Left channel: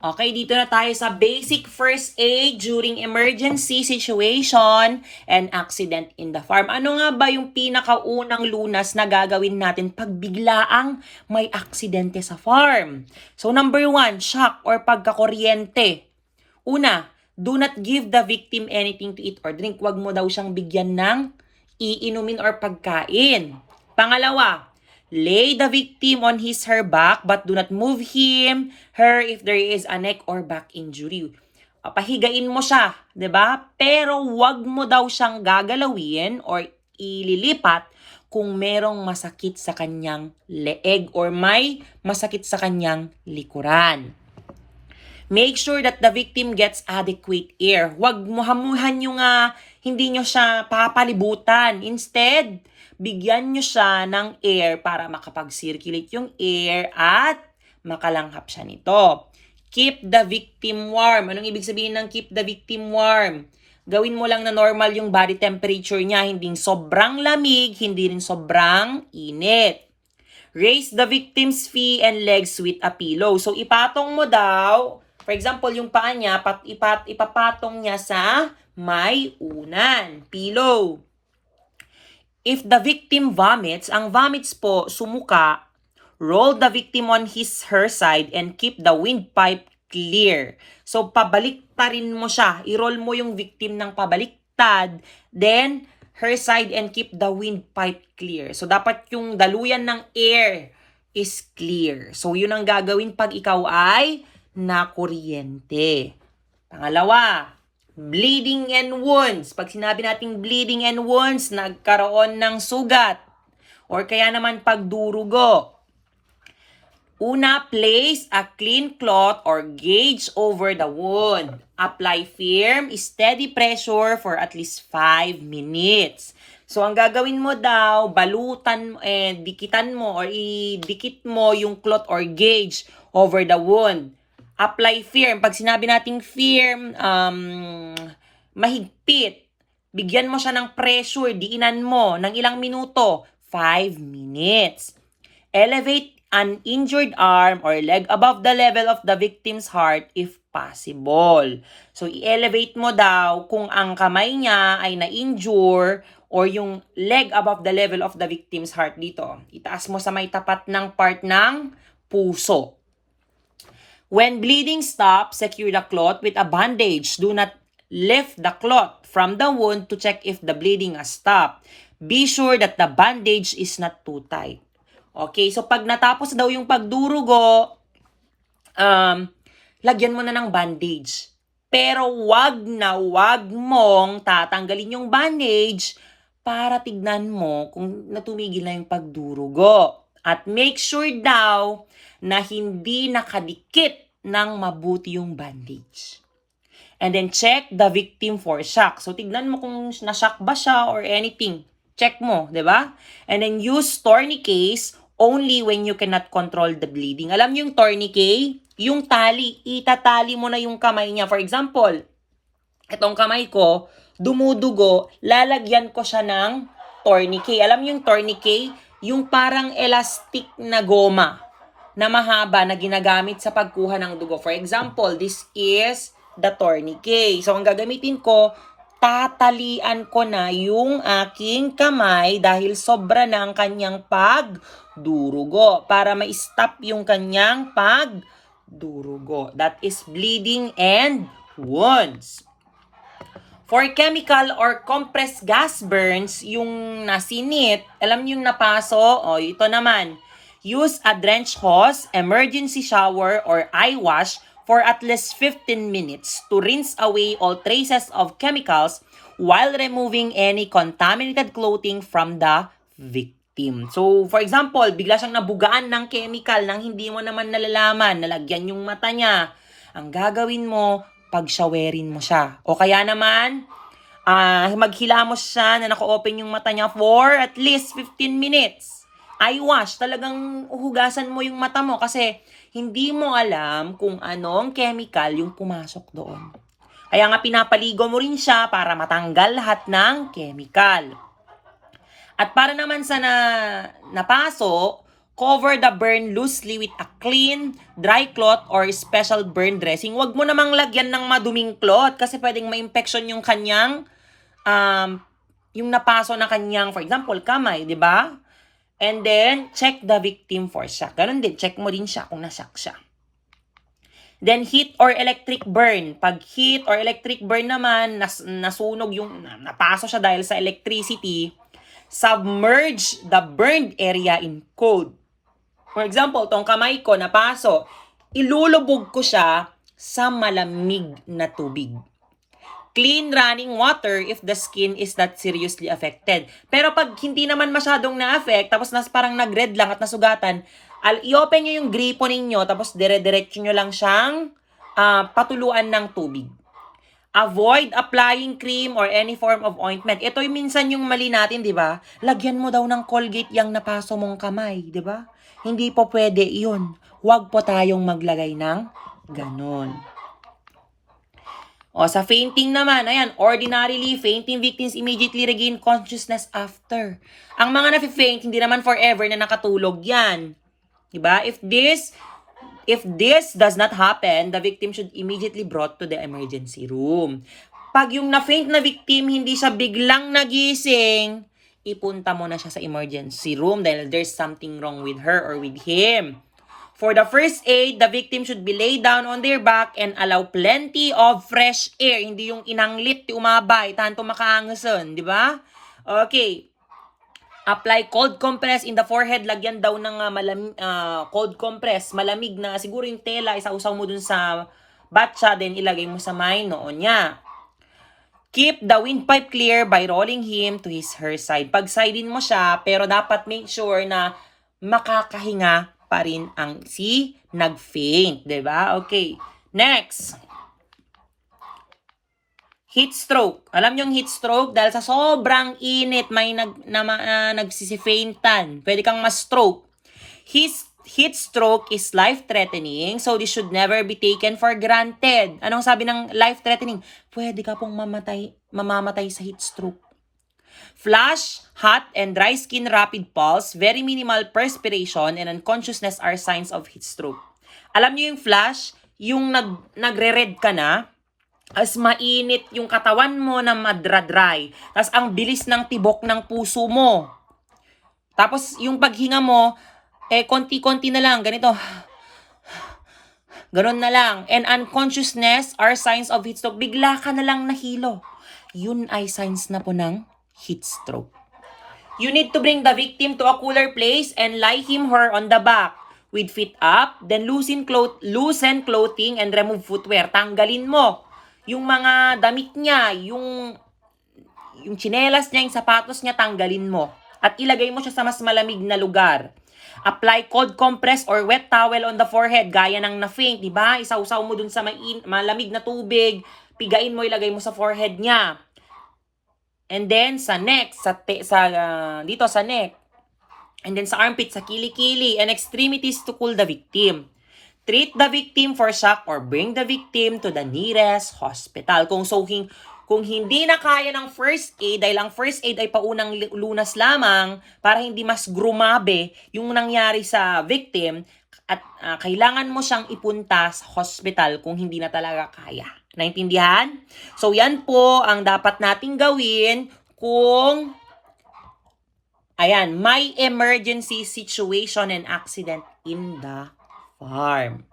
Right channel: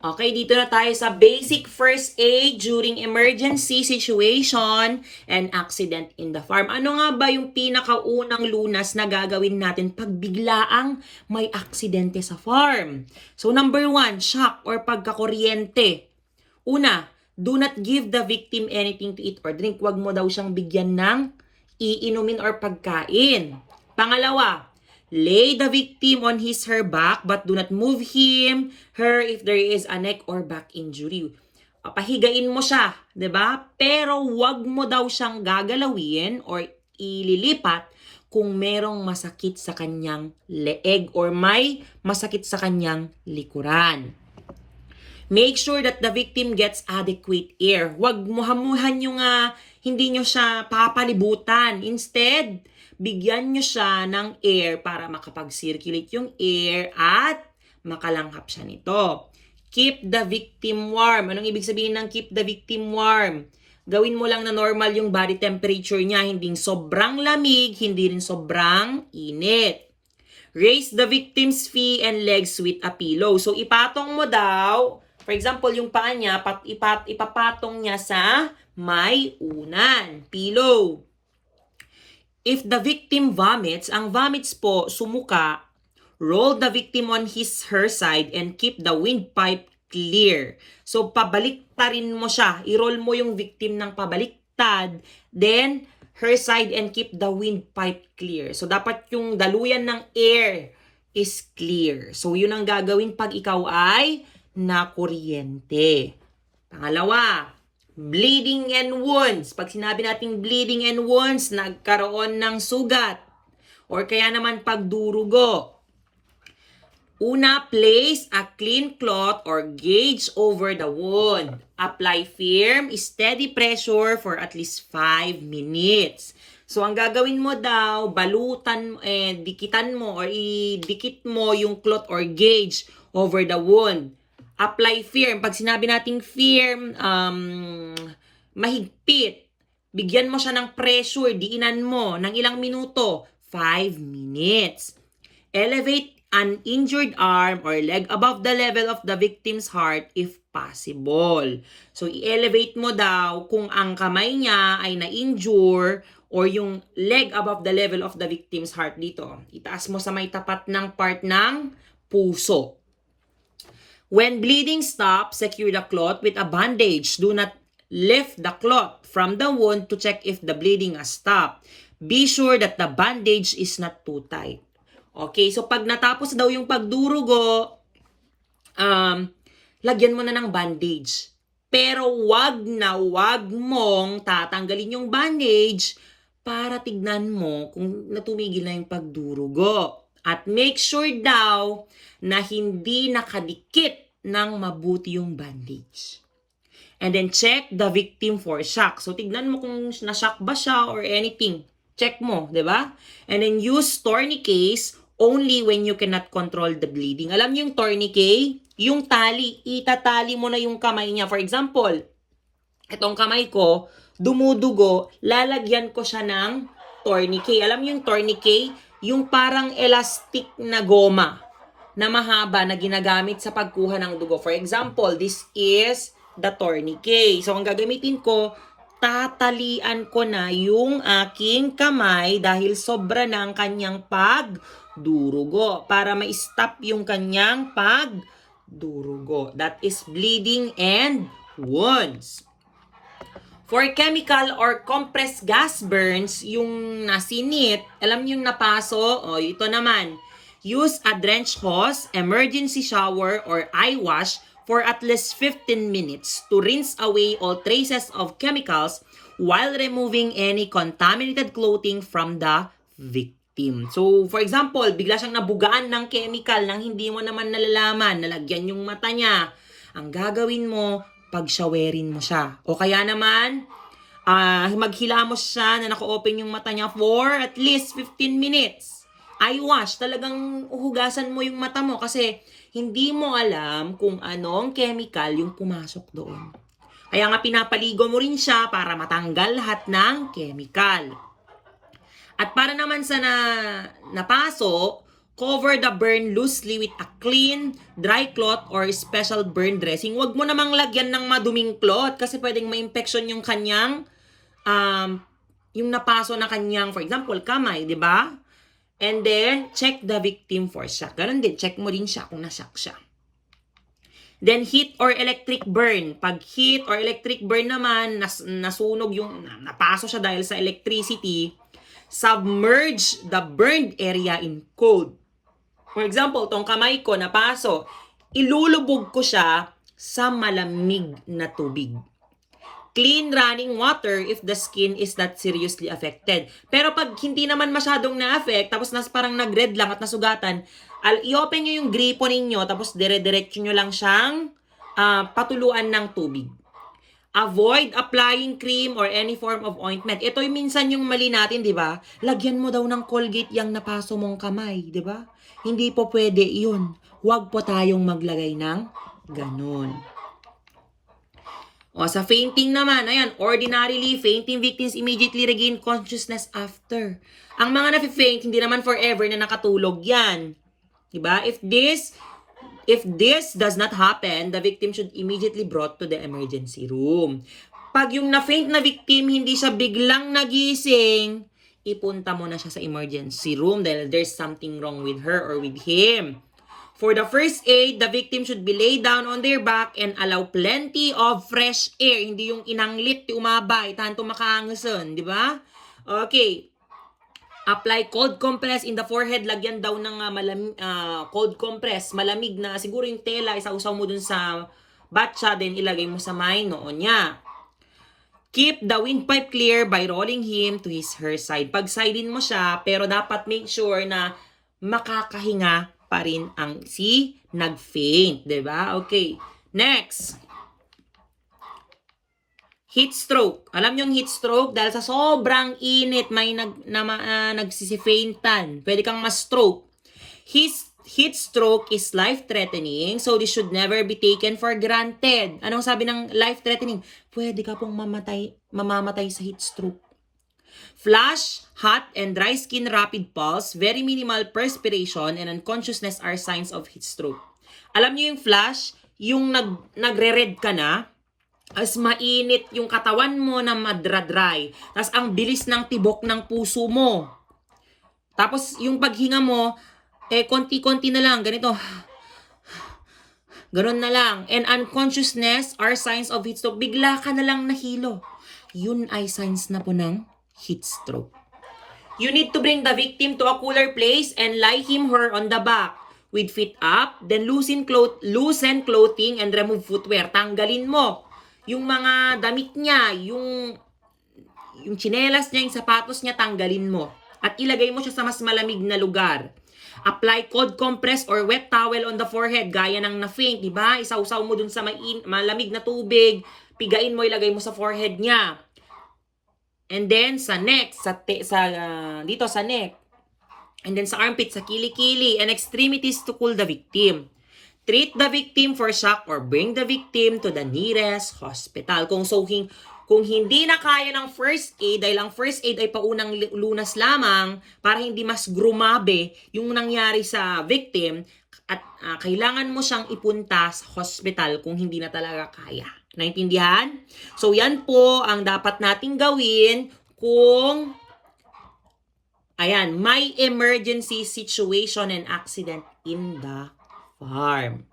Okay, dito na tayo sa basic first aid during emergency situation and accident in the farm. Ano nga ba yung pinakaunang lunas na gagawin natin pag biglaang may aksidente sa farm? So number 1, shock or pagkakuryente. Una, do not give the victim anything to eat or drink. Huwag mo daw siyang bigyan ng iinumin or pagkain. Pangalawa, lay the victim on her back but do not move her if there is a neck or back injury. Pahigain mo siya, 'di ba? Pero wag mo daw siyang gagalawin or ililipat kung merong masakit sa kanyang leeg or may masakit sa kanyang likuran. Make sure that the victim gets adequate air. Huwag muhamuhan yung hindi nyo siya papalibutan. Instead, bigyan nyo siya ng air para makapag-circulate yung air at makalanghap siya nito. Keep the victim warm. Anong ibig sabihin ng keep the victim warm? Gawin mo lang na normal yung body temperature niya. Hindi sobrang lamig, hindi rin sobrang init. Raise the victim's feet and legs with a pillow. So, ipatong mo daw, for example, yung paa niya, ipapatong niya sa may unan, pillow. If the victim vomits, ang vomits po, sumuka, roll the victim on her side and keep the windpipe clear. So, pabalik-tarin mo siya. I-roll mo yung victim ng pabaliktad. Then, her side and keep the windpipe clear. So, dapat yung daluyan ng air is clear. So, yun ang gagawin pag ikaw ay nakuryente. Pangalawa, bleeding and wounds. Pag sinabi nating bleeding and wounds, nagkaroon ng sugat or kaya naman pagdurugo. Una, place a clean cloth or gauge over the wound. Apply firm, steady pressure for at least 5 minutes. So, ang gagawin mo daw, balutan, dikitan mo or idikit mo yung cloth or gauge over the wound. Apply firm. Pag sinabi nating firm, mahigpit. Bigyan mo siya ng pressure, diinan mo ng ilang minuto, 5 minutes. Elevate an injured arm or leg above the level of the victim's heart if possible. So, i-elevate mo daw kung ang kamay niya ay na-injure or yung leg above the level of the victim's heart dito. Itaas mo sa may tapat ng part ng puso. When bleeding stops, secure the cloth with a bandage. Do not lift the cloth from the wound to check if the bleeding has stopped. Be sure that the bandage is not too tight. Okay, so pag natapos daw yung pagdurugo, lagyan mo na ng bandage. Pero wag mong tatanggalin yung bandage para tignan mo kung natumigil na yung pagdurugo. At make sure daw na hindi nakadikit ng mabuti yung bandage. And then check the victim for shock. So tignan mo kung na-shock ba siya or anything. Check mo, 'di ba? And then use tourniquets only when you cannot control the bleeding. Alam niyo yung tourniquet? Yung tali, itatali mo na yung kamay niya. For example, itong kamay ko, dumudugo, lalagyan ko siya ng tourniquet. Alam niyo yung tourniquet? Yung parang elastic na goma na mahaba na ginagamit sa pagkuha ng dugo. For example, this is the tourniquet. So, ang gagamitin ko, tatalian ko na yung aking kamay dahil sobra na ang kanyang pagdurugo para ma-stop yung kanyang pagdurugo. That is bleeding and wounds. For chemical or compressed gas burns, yung nasinit, alam niyo yung napaso, ito naman. Use a drench hose, emergency shower, or eye wash for at least 15 minutes to rinse away all traces of chemicals while removing any contaminated clothing from the victim. So, for example, bigla siyang nabugaan ng chemical nang hindi mo naman nalalaman, nalagyan yung mata niya. Ang gagawin mo, pag-showerin mo siya. O kaya naman, maghilamos siya na naka-open yung mata niya for at least 15 minutes. Eye wash, talagang uhugasan mo yung mata mo kasi hindi mo alam kung anong chemical yung pumasok doon. Kaya nga pinapaligo mo rin siya para matanggal lahat ng chemical. At para naman sa napaso, Cover the burn loosely with a clean, dry cloth or special burn dressing. Huwag mo namang lagyan ng maduming cloth kasi pwedeng ma-infection yung kanyang, yung napaso na kanyang, for example, kamay, di ba? And then, check the victim for shock. Ganun din, check mo din siya kung na-shock siya. Then, heat or electric burn. Pag heat or electric burn naman, nasunog yung, napaso siya dahil sa electricity, submerge the burned area in cold. For example, tong kamay ko napaso, ilulubog ko siya sa malamig na tubig. Clean running water if the skin is not seriously affected. Pero pag hindi naman masyadong na-affect, tapos parang nag-red lang at nasugatan, i-open nyo yung gripo ninyo, tapos dire-diretso nyo lang siyang patuluan ng tubig. Avoid applying cream or any form of ointment. Ito yung minsan yung mali natin, di ba? Lagyan mo daw ng Colgate yung napaso mong kamay, di ba? Hindi po pwede yun. Huwag po tayong maglagay ng ganon. O, sa fainting naman, ayan, ordinarily, fainting victims immediately regain consciousness after. Ang mga nafe-faint, hindi naman forever na nakatulog yan. Diba? If this does not happen, the victim should immediately brought to the emergency room. Pag yung na-faint na victim, hindi siya biglang nagising, ipunta mo na siya sa emergency room dahil there's something wrong with her or with him. For the first aid, the victim should be laid down on their back and allow plenty of fresh air. Hindi yung inanglit, ti umabay, tanto makaangason, di ba? Okay. Apply cold compress in the forehead. Lagyan daw ng cold compress. Malamig na, siguro yung tela, isausaw mo dun sa batsa, then ilagay mo sa may noon niya. Keep the windpipe clear by rolling him to her side. Pag-sidein mo siya, pero dapat make sure na makakahinga pa rin ang si nag-faint. Diba? Okay. Next. Heat stroke. Alam niyo yung heat stroke? Dahil sa sobrang init, may nagsisifaintan. Pwede kang ma-stroke. Heat stroke is life-threatening, so this should never be taken for granted. Anong sabi ng life-threatening? Pwede ka pong mamamatay sa heat stroke. Flush, hot, and dry skin, rapid pulse, very minimal perspiration, and unconsciousness are signs of heat stroke. Alam niyo yung flush? Yung nagre-red ka na, as mainit yung katawan mo na madra-dry. Tapos ang bilis ng tibok ng puso mo. Tapos yung paghinga mo, konti-konti na lang, ganito. Ganon na lang. And unconsciousness are signs of heat stroke. Bigla ka na lang nahilo. Yun ay signs na po ng heat stroke. You need to bring the victim to a cooler place and lie him or her on the back with feet up. Then loosen clothing and remove footwear. Tanggalin mo yung mga damit niya, yung tsinelas niya, yung sapatos niya, tanggalin mo. At ilagay mo siya sa mas malamig na lugar. Apply cold compress or wet towel on the forehead, gaya ng na-faint, diba? Isausaw mo dun sa malamig na tubig, pigain mo, ilagay mo sa forehead niya. And then, sa neck, dito sa neck. And then sa armpit, sa kilikili, and extremities to cool the victim. Treat the victim for shock or bring the victim to the nearest hospital. Kung hindi na kaya ng first aid, dahil ang first aid ay paunang lunas lamang para hindi mas grumabe yung nangyari sa victim, at kailangan mo siyang ipunta sa hospital kung hindi na talaga kaya. Naintindihan? So yan po ang dapat nating gawin kung may emergency situation and accident in the farm.